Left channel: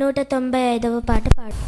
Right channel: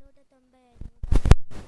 195వ పాట పాడు.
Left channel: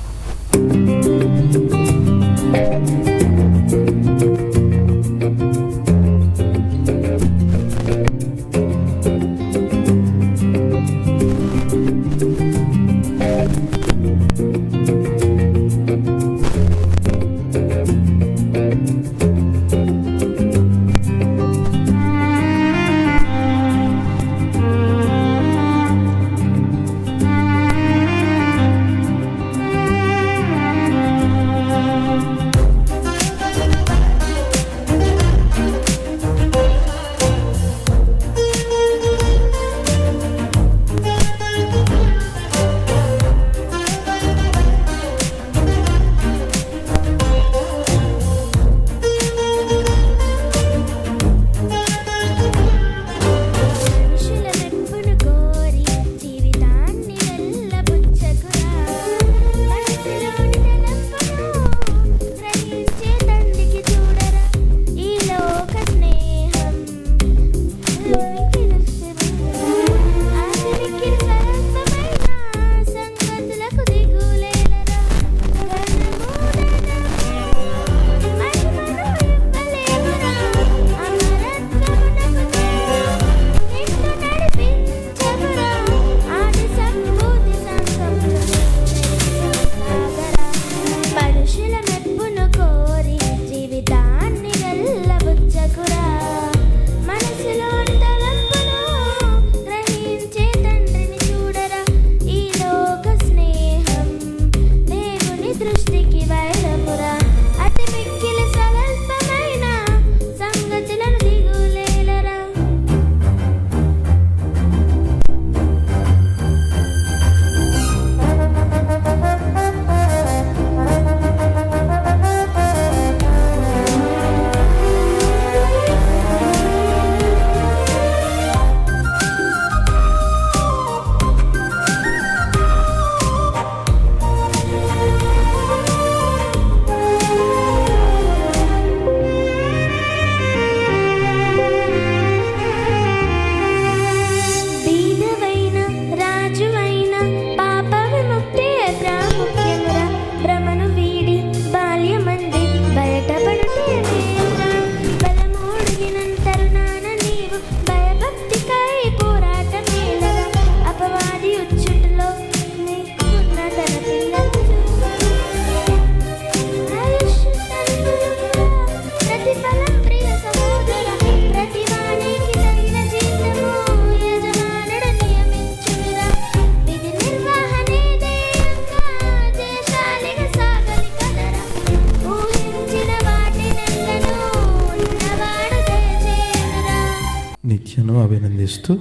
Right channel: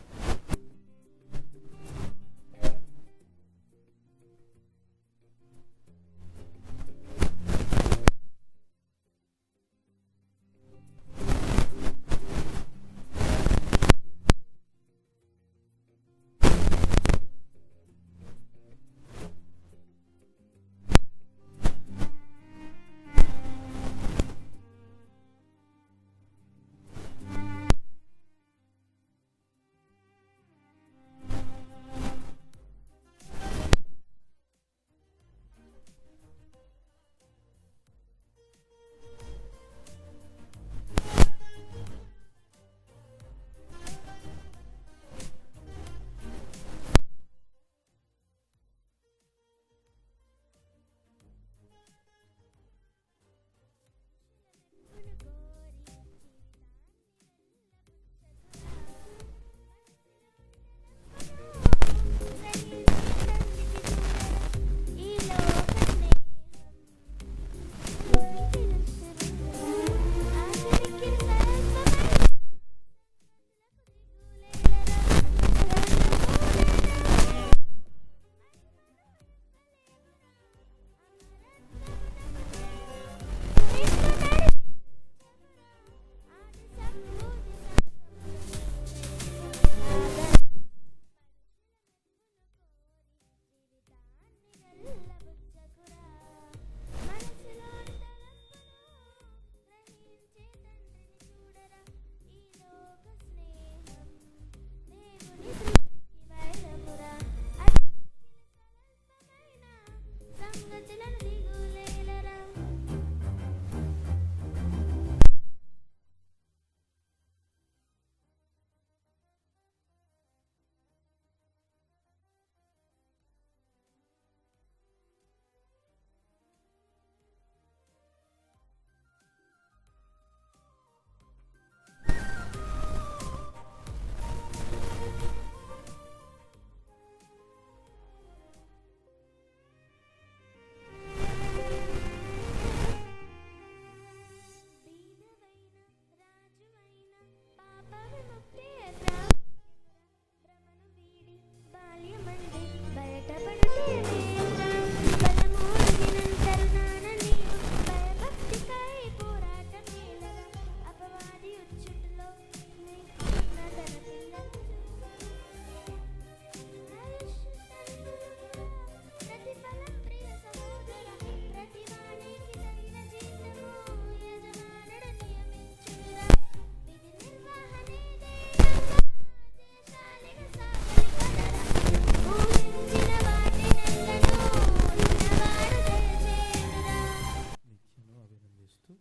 నిత్యను అభినందిస్తూ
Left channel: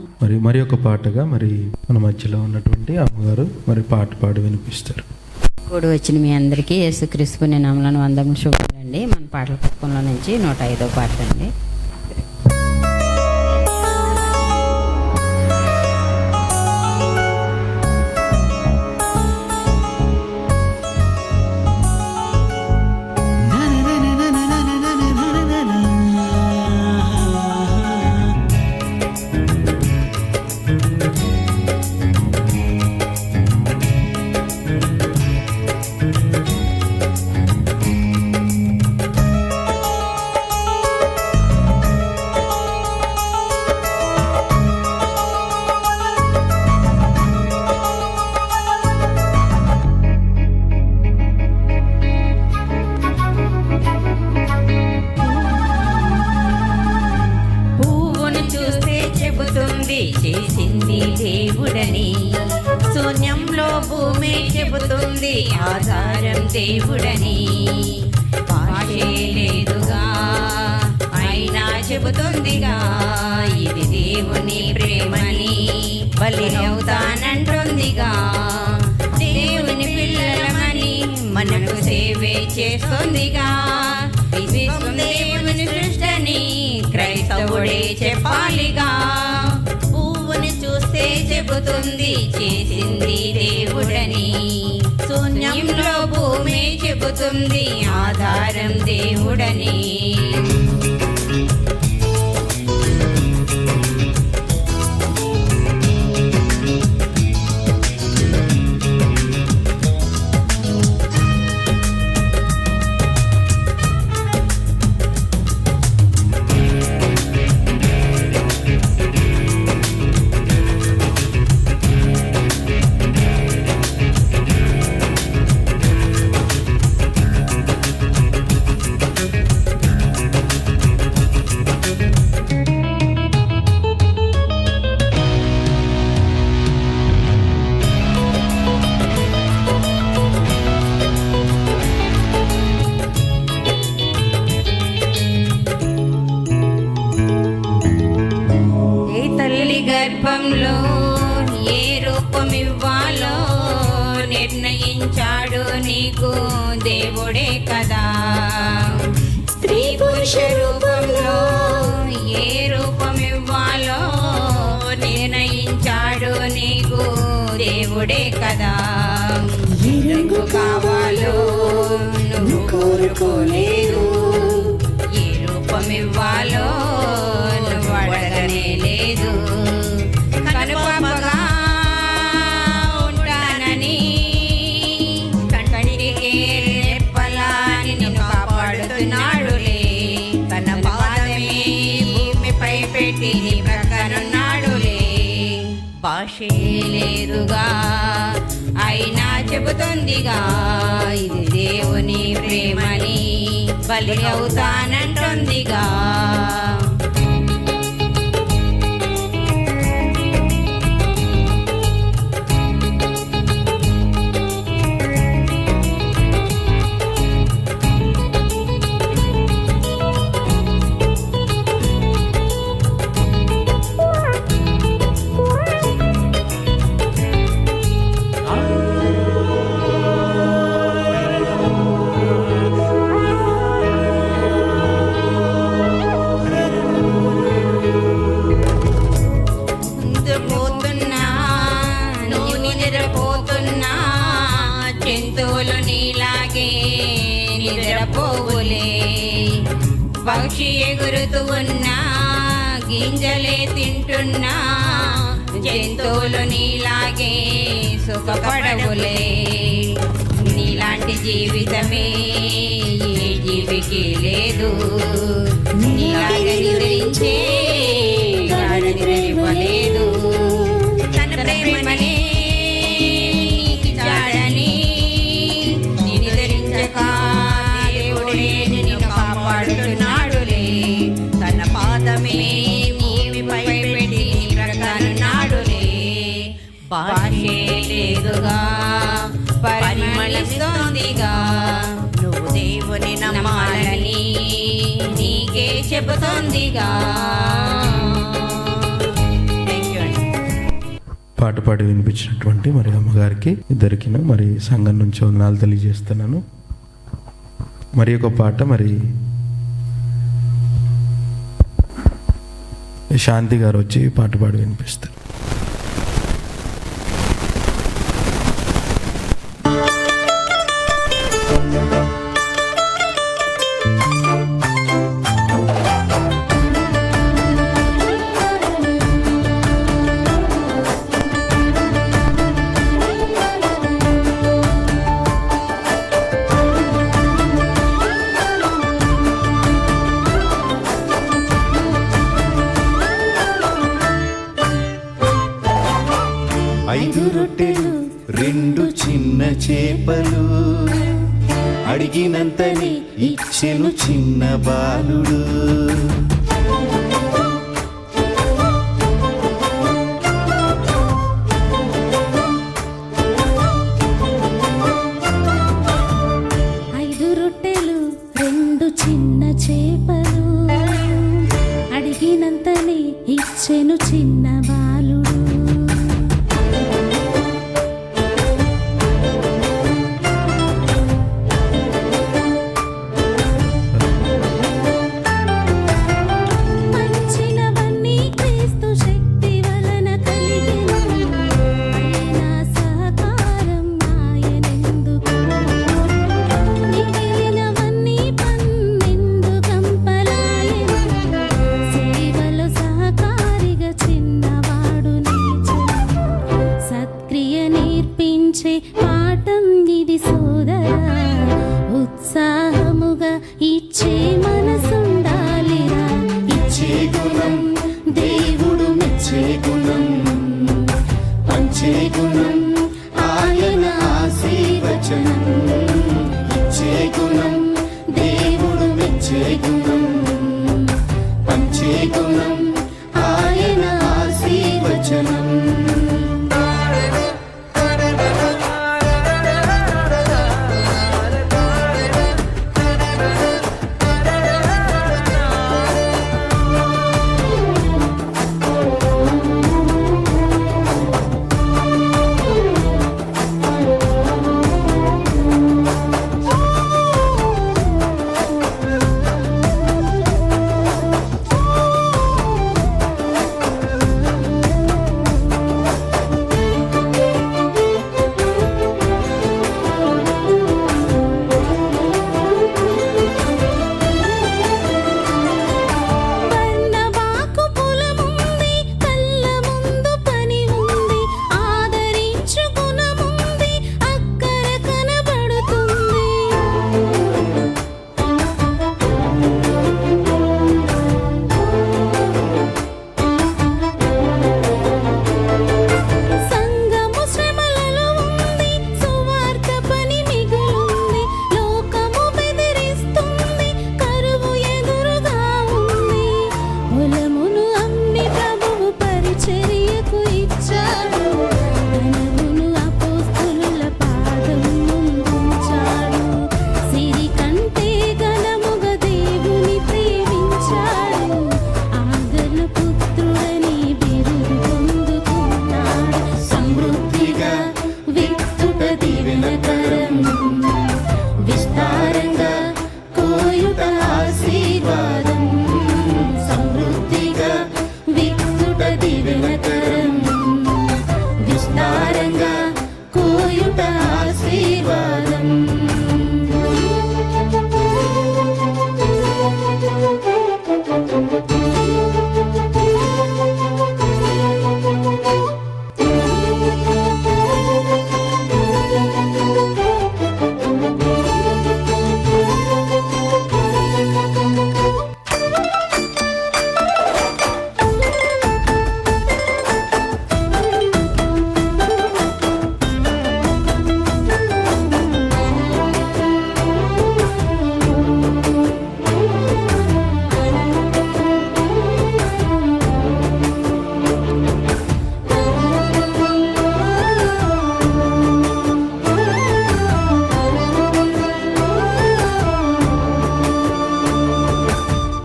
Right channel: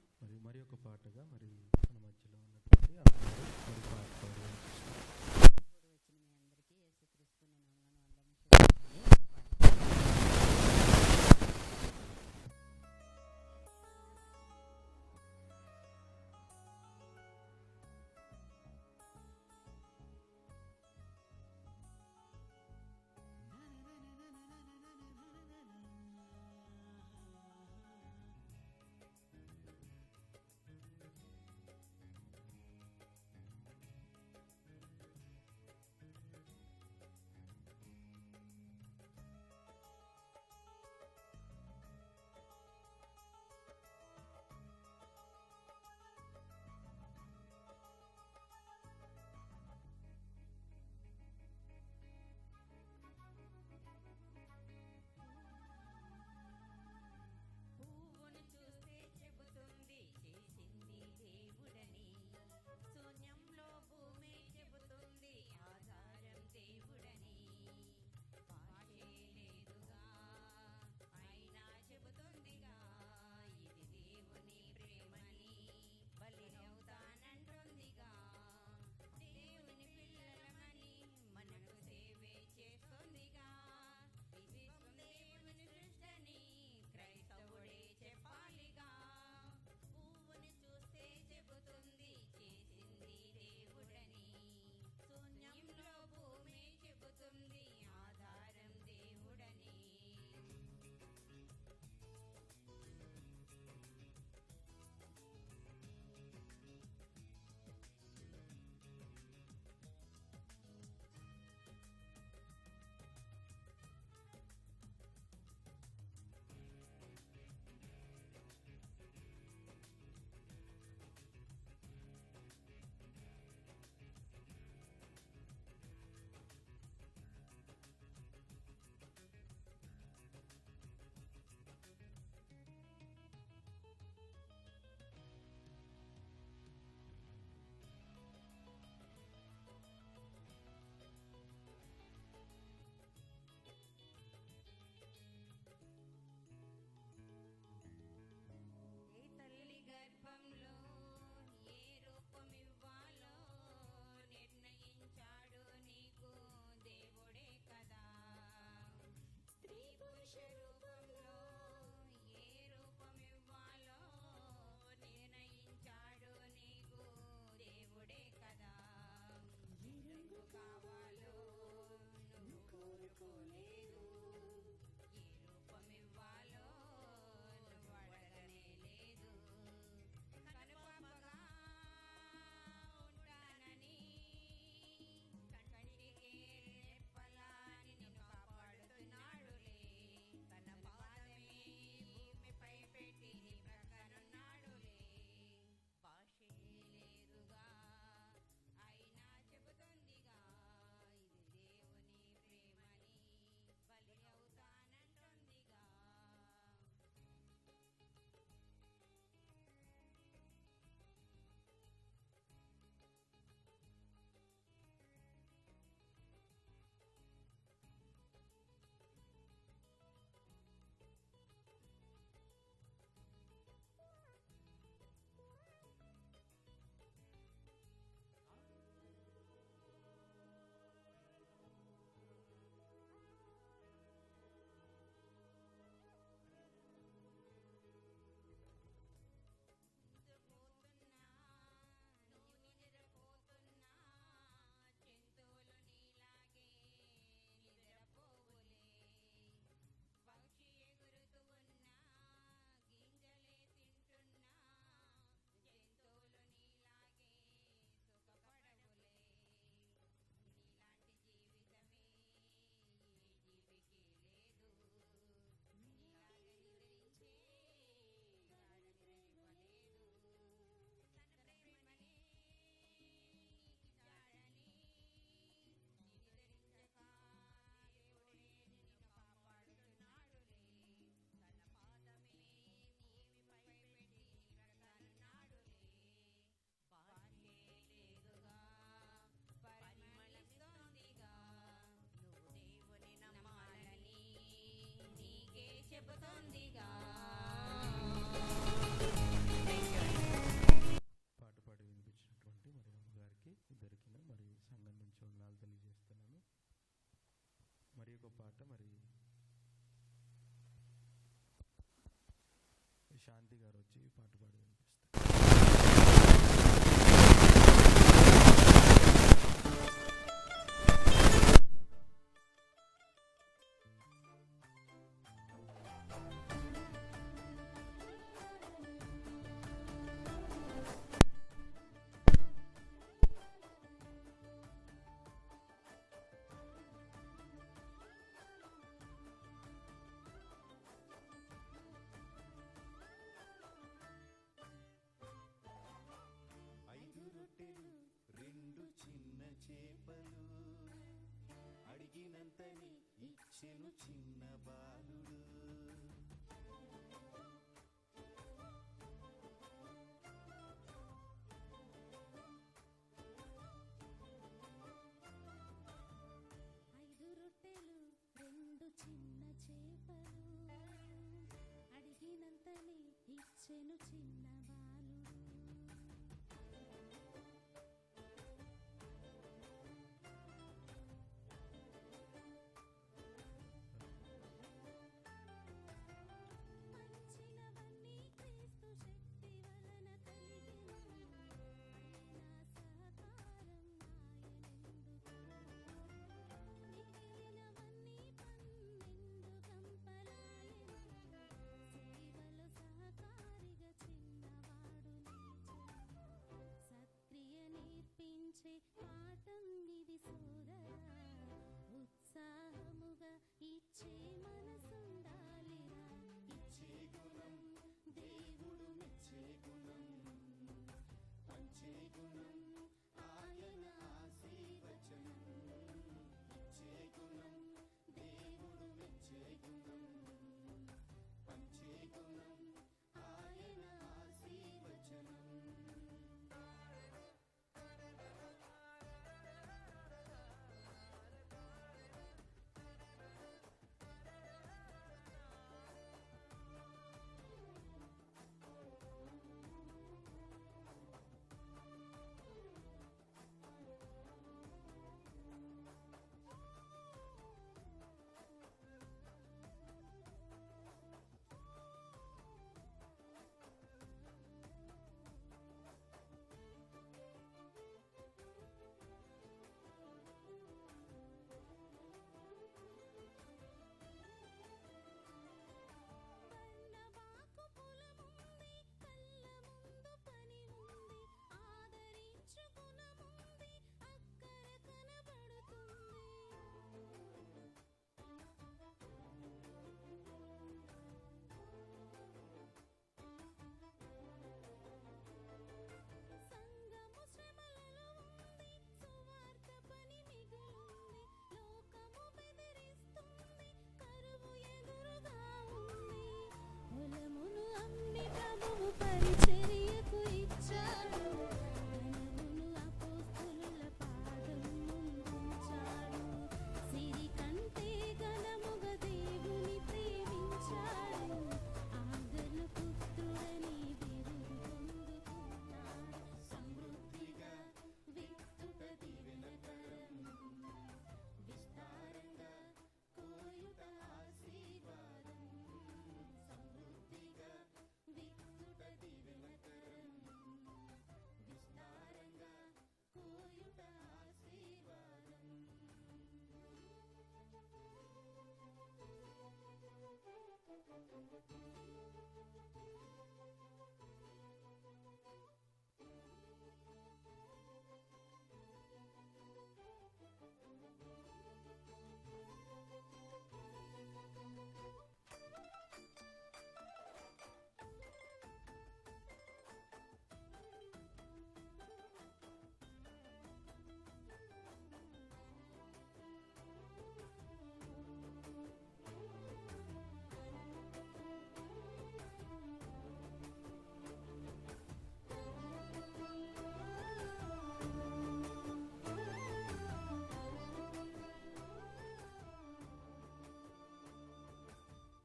మరి ఒక పాటగా మన మధ్యలో ఉన్నటువంటి అమ్మగారు పాట పాడి వినిపిస్తారు. కూడి వచ్చిన మీ అందరికీ యేసుక్రీస్తు నామమున వందనములు శుభాలండి. మన పాటల పుస్తకంలో నుంచి 105వ పాట అండి. చేసింది దేవుడని, శూన్యంలో భూమి చెబుతుంది ఆధారం దేవుడని. భాషే లేదుగా అయినా చెబుతుందిగా ఇది దేవుని ప్రేమని. బలి అవుతానంటుందిగా దేవుని పిల్లలమని, మనకు సేవే చేస్తుందిగా. విశ్వం దేవుని సృష్టని క్రైస్తవుడే చెప్పాలిగా. చూస్తే చెబుతుంది చేసింది దేవుడని, శూన్యంలో భూమి చెబుతుంది ఆధారం దేవుడని. నిర్ణయించాడు నీకు దేవుడే కదా. స్త్రీ పురుష రూపంలో ఏ రూపం ఇవ్వాలో నిర్ణయించాడు నీకు దేవుడే కదా. ఏ రంగు కావాలో నువ్వు కోరుకోలేదు, ఏ రూపం ఇవ్వాలో నువ్వు అడగనే లేదు. కనుపాపగా ఉంటానని కంటికి రెప్పలా నిన్ను కాపాడుతున్నాడులే. తన పాదమే భూమిపై పెట్టి నీ ప్రక్కనున్నాడులే. భాషే లేదుగా అయినా చెబుతుందిగా ఇది దేవుని ప్రేమని, బలి అవుతానంటుందిగా. జంతువులు నీలాగే నిద్రపోవులే. పక్షి ఎగురుతూ ఉన్నా గింజలే తింటున్నా జంతువులు నీలాగే సుఖపడవులే. నీలాంటి జీవితమే ఏ జీవికి లేదు. నీలాగే నిద్రించే గాఢ నిద్రలేదు. తన ప్రేమనే కాపాడుతున్నాడులే. తన పాదమే భూమిపై పెట్టి ప్రకటనాడులే. భాషే లేదుగా పరిమళిస్తోందిగా నువ్వు దేవుని నమ్మాలని నీకే చెబుతోందిగా. పాట పాడి వినిపించినటువంటి మరి అమ్మగారికి ఇద్దరికిన మరి సంఘం నుంచి వందనాలు తెలియజేస్తున్నాను. మరి ఒక పాట మరి శాంతి గారు వచ్చి పాట పాడి వినిపిస్తారు. ఐదు రొట్టెలు రెండు చిన్న చేపలు అడిగినంతని ఇచ్చెను చిన్న బాలుడు. ఐదు రొట్టెలు రెండు చిన్న చేపలు అడిగినంతని ఇచ్చెను చిన్న బాలుడు. పాఠం ఇది సోదరా, ఉత్సాహముగా ఇచ్చే మనసుండాలిరా. ఇచ్చే గుణం దేవుడు మెచ్చే గుణం, పంచే గుణం ఆయన ఆశీర్వచనం. ఇచ్చే గుణం దేవుడు మెచ్చే గుణం, పంచే గుణం ఆయన ఆశీర్వచనం. చేయుట ఆశీర్వాదం.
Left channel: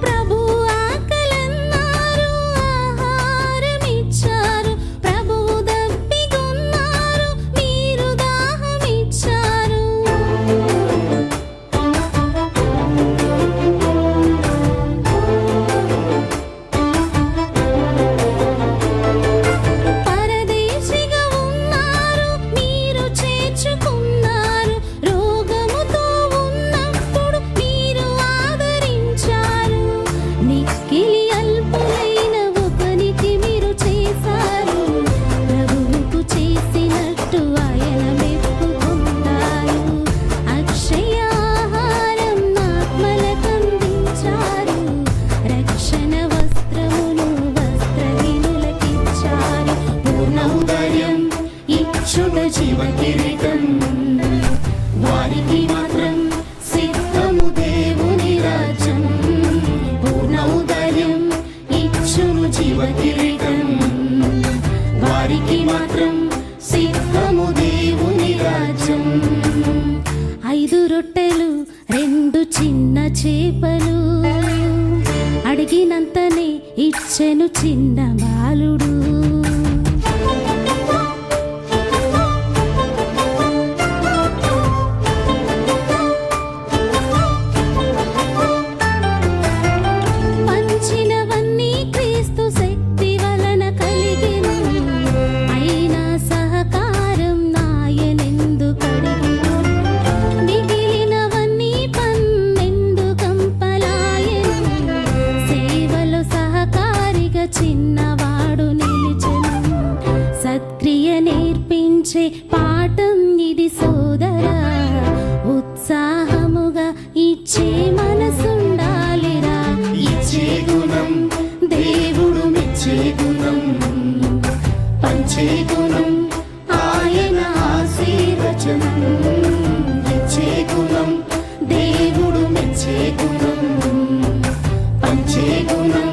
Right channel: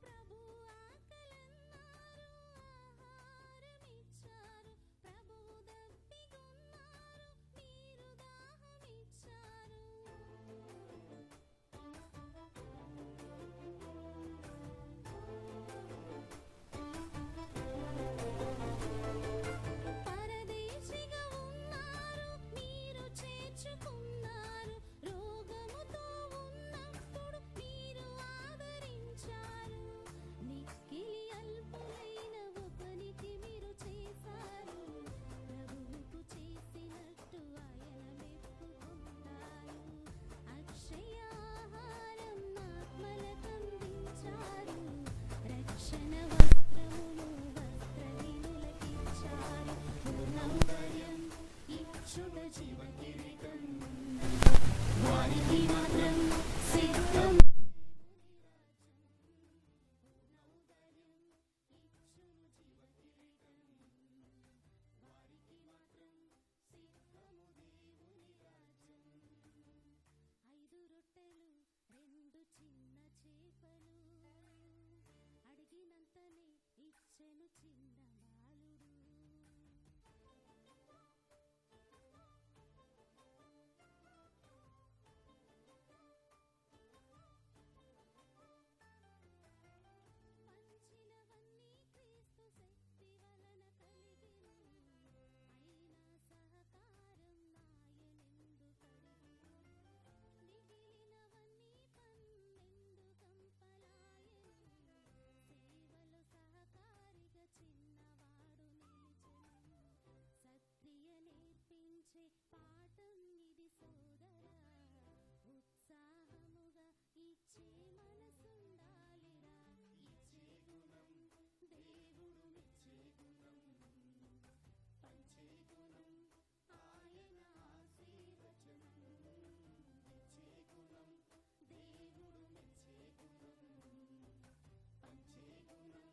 ప్రభు ఆకలన్నారు, ఆహారమిచ్చారు. ప్రభు దప్పిగొన్నారు, మీరు దాహమిచ్చారు. పరదేశిగా ఉన్నారు, మీరు చేర్చుకున్నారు. రోగముతో ఉన్నప్పుడు మీరు ఆదరించారు. మిక్కిలి అల్పులైన ఒకనికి మీరు చేశారు. ప్రభువుకు చేసినట్టు ఆయన మెప్పుకుంటారు. అక్షయ ఆహారం ఆత్మలకందించారు. రక్షణ వస్త్రమును వస్త్రహీనులకిచ్చారు. పూర్ణౌదర్యం ఇచ్చుట జీవ కిరీటం. వారికి మాత్రం సిద్ధము దేవుని రాజ్యం. పూర్ణౌదర్యం ఇచ్చును జీవ కిరీటం. వారికి మాత్రం సిద్ధము దేవుని రాజ్యం. 5 రొట్టెలు 2 చిన్న చేపలు, అడిగినంతనే ఇచ్చెను చిన్న బాలుడు. పంచినవన్నీ క్రీస్తు శక్తి వలన కలిగెను. అయినా సహకారం నాయనెందుకడిగెను. మిగిలినవన్నీ 12 కంపలాయెను. సేవలో సహకారిగా చిన్నవాడు నిలిచెను. సత్క్రియ నేర్పించే పాఠం ఇది సోదరా. ఉత్సాహముగా ఇచ్చే మనసుండాలిరా. ఇచ్చే గుణం దేవుడు మెచ్చే గుణం, పంచే గుణం ఆయన ఆశీర్వచనం. ఇచ్చే గుణం దేవుడు మెచ్చే గుణం, పంచే గుణం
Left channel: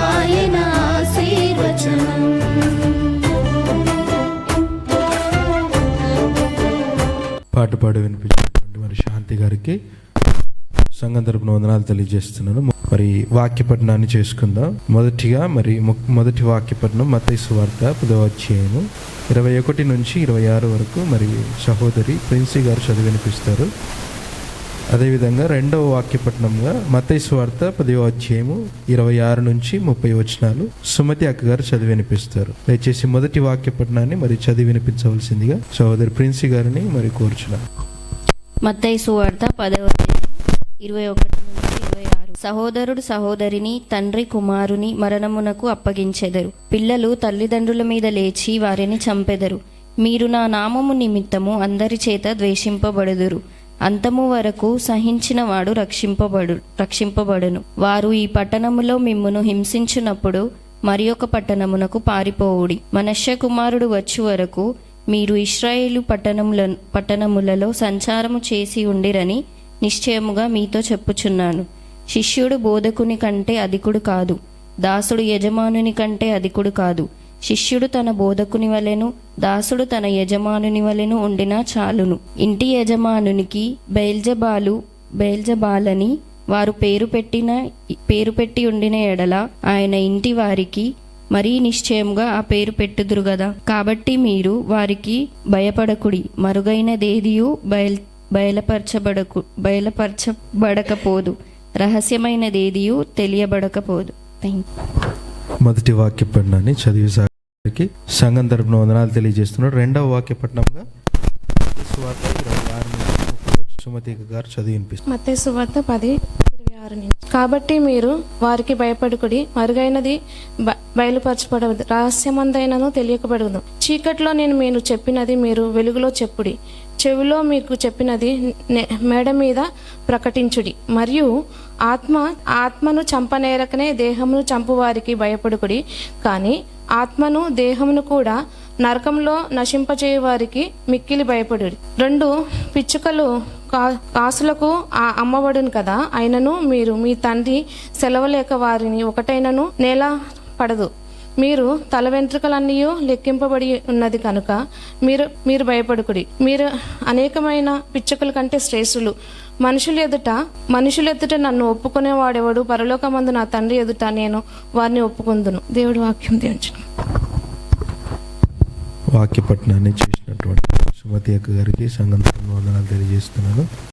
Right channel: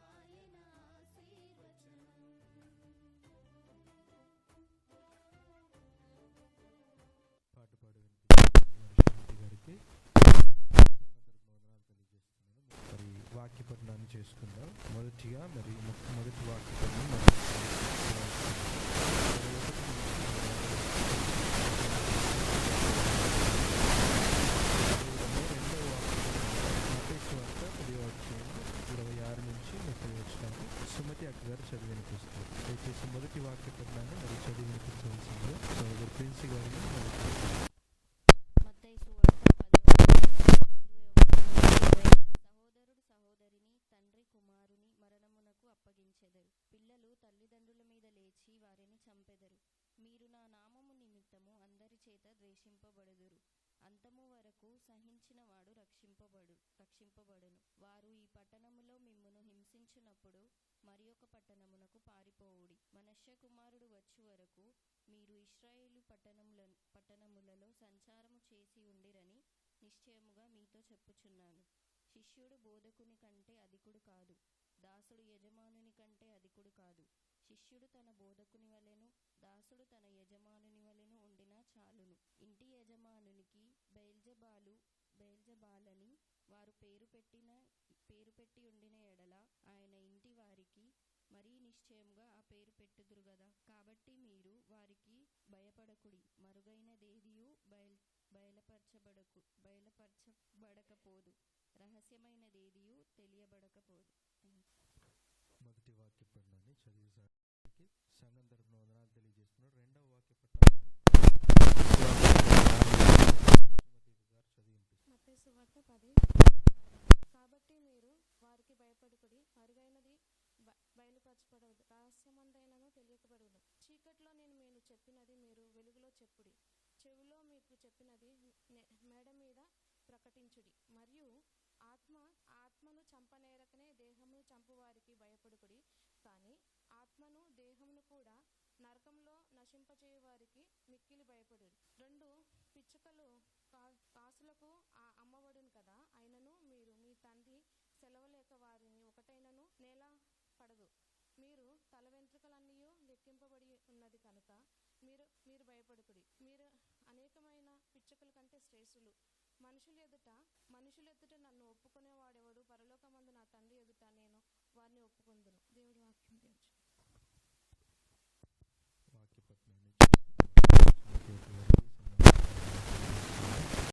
ఆయన ఆశీర్వచనం. పాట పాడి వినిపించినటువంటి మరి శాంతి గారికి సంఘం తరపున వందనాలు తెలియజేస్తున్నాను. మరి వాక్యపఠనాన్ని చేసుకుందాం. మొదటి వాక్యపఠనం మత్తయి సువార్త 10వ అధ్యాయము 21 నుంచి 26 వరకు మరి సహోదరి ప్రిన్సీ గారు చదివి వినిపిస్తారు. అదేవిధంగా రెండవ వాక్యపట్నంగా మత్తయి సువార్త 10వ అధ్యాయము 26 నుంచి 30 వచనాలు సుమతి అక్క గారు చదివి వినిపిస్తారు. దయచేసి మొదటి వాక్యపట్నాన్ని మరి చదివి వినిపించవలసిందిగా సహోదరి ప్రిన్సీ గారిని మరి కోరుచున్నాను. మత్తయి సువార్త 10:21-26. సహోదరుడు సహోదరిని తండ్రి కుమారుని మరణమునకు అప్పగించెదరు. పిల్లలు తల్లిదండ్రుల మీద లేచి వారిని చంపెదరు. మీరు నా నామము నిమిత్తము అందరి చేత ద్వేషింపబడుదురు. అంతము వరకు సహించిన వాడు రక్షింపబడును. వారు ఈ పట్టణములో మిమ్మును హింసించునప్పుడు మరి ఒక పట్టణమునకు పారిపోవుడి. మనష్య కుమారుడు వచ్చు వరకు మీరు ఇశ్రాయేలు పట్టణములలో సంచారము చేసి ఉండిరని నిశ్చయముగా మీతో చెప్పుచున్నాను. శిష్యుడు బోధకుని కంటే అధికుడు కాదు, దాసుడు యజమానుని కంటే అధికుడు కాదు. శిష్యుడు తన బోధకుని వలెను, దాసుడు తన యజమానుని వలెను ఉండినా చాలును. ఇంటి యజమానునికి బెయల్జెబాలని వారు పేరు పెట్టి ఉండిన ఎడల ఆయన ఇంటి వారికి మరీ నిశ్చయముగా ఆ పేరు పెట్టుదురు గదా. కాబట్టి మీరు వారికి భయపడకుడి. మరుగైనదేదియు బయలుపరచబడకపోదు, రహస్యమైనదేదియు తెలియబడకపోదు. మొదటి వాక్యపట్నాన్ని చదివి సంఘం తరపున వందనాలు తెలియజేస్తున్నాడు. రెండవ వాక్యపట్నంగా సుమతి గారు చదివి వినిపిస్తారు. మత్తయి సువార్త 10:26 నుంచి. కాబట్టి మీరు వారికి భయపడుకుడి, మరుగైనది బయలుపరచబడదు, రహస్యమందైనను తెలియకబడదు. చీకట్లో నేను మీరు చెప్పినది మీరు వెలుగులో చెప్పుడి, చెవిలో మీకు చెప్పినది మేడ మీద ప్రకటించుడి. మరియు ఆత్మను చంపనేరకనే దేహమును చంపువారికి భయపడుకుడి, కానీ ఆత్మను దేహమును కూడా నరకంలో నశింపచేయ వారికి మిక్కిలి భయపడుడి. 2 పిచ్చుకలు కాసులకు అమ్మబడును కదా, అయినను మీరు మీ తండ్రి సెలవలేక వారిని ఒకటైనను నేల పడదు. మీరు తల వెంట్రుకలన్నీ లెక్కింపబడి ఉన్నది కనుక మీరు భయపడుకుడి. మీరు అనేకమైన పిచ్చుకల కంటే శ్రేష్ఠులు. మనుషుల ఎదుట నన్ను ఒప్పుకునేవాడెవడు, పరలోకమందు నా తండ్రి ఎదుట నేను వారిని ఒప్పుకుందును. దేవుడి వాక్యం దీవించును. వాక్య పఠనాన్ని చేసినటువంటి సుమతి అక్క గారికి సంఘం తరపున వందనాలు తెలియజేస్తున్నాను.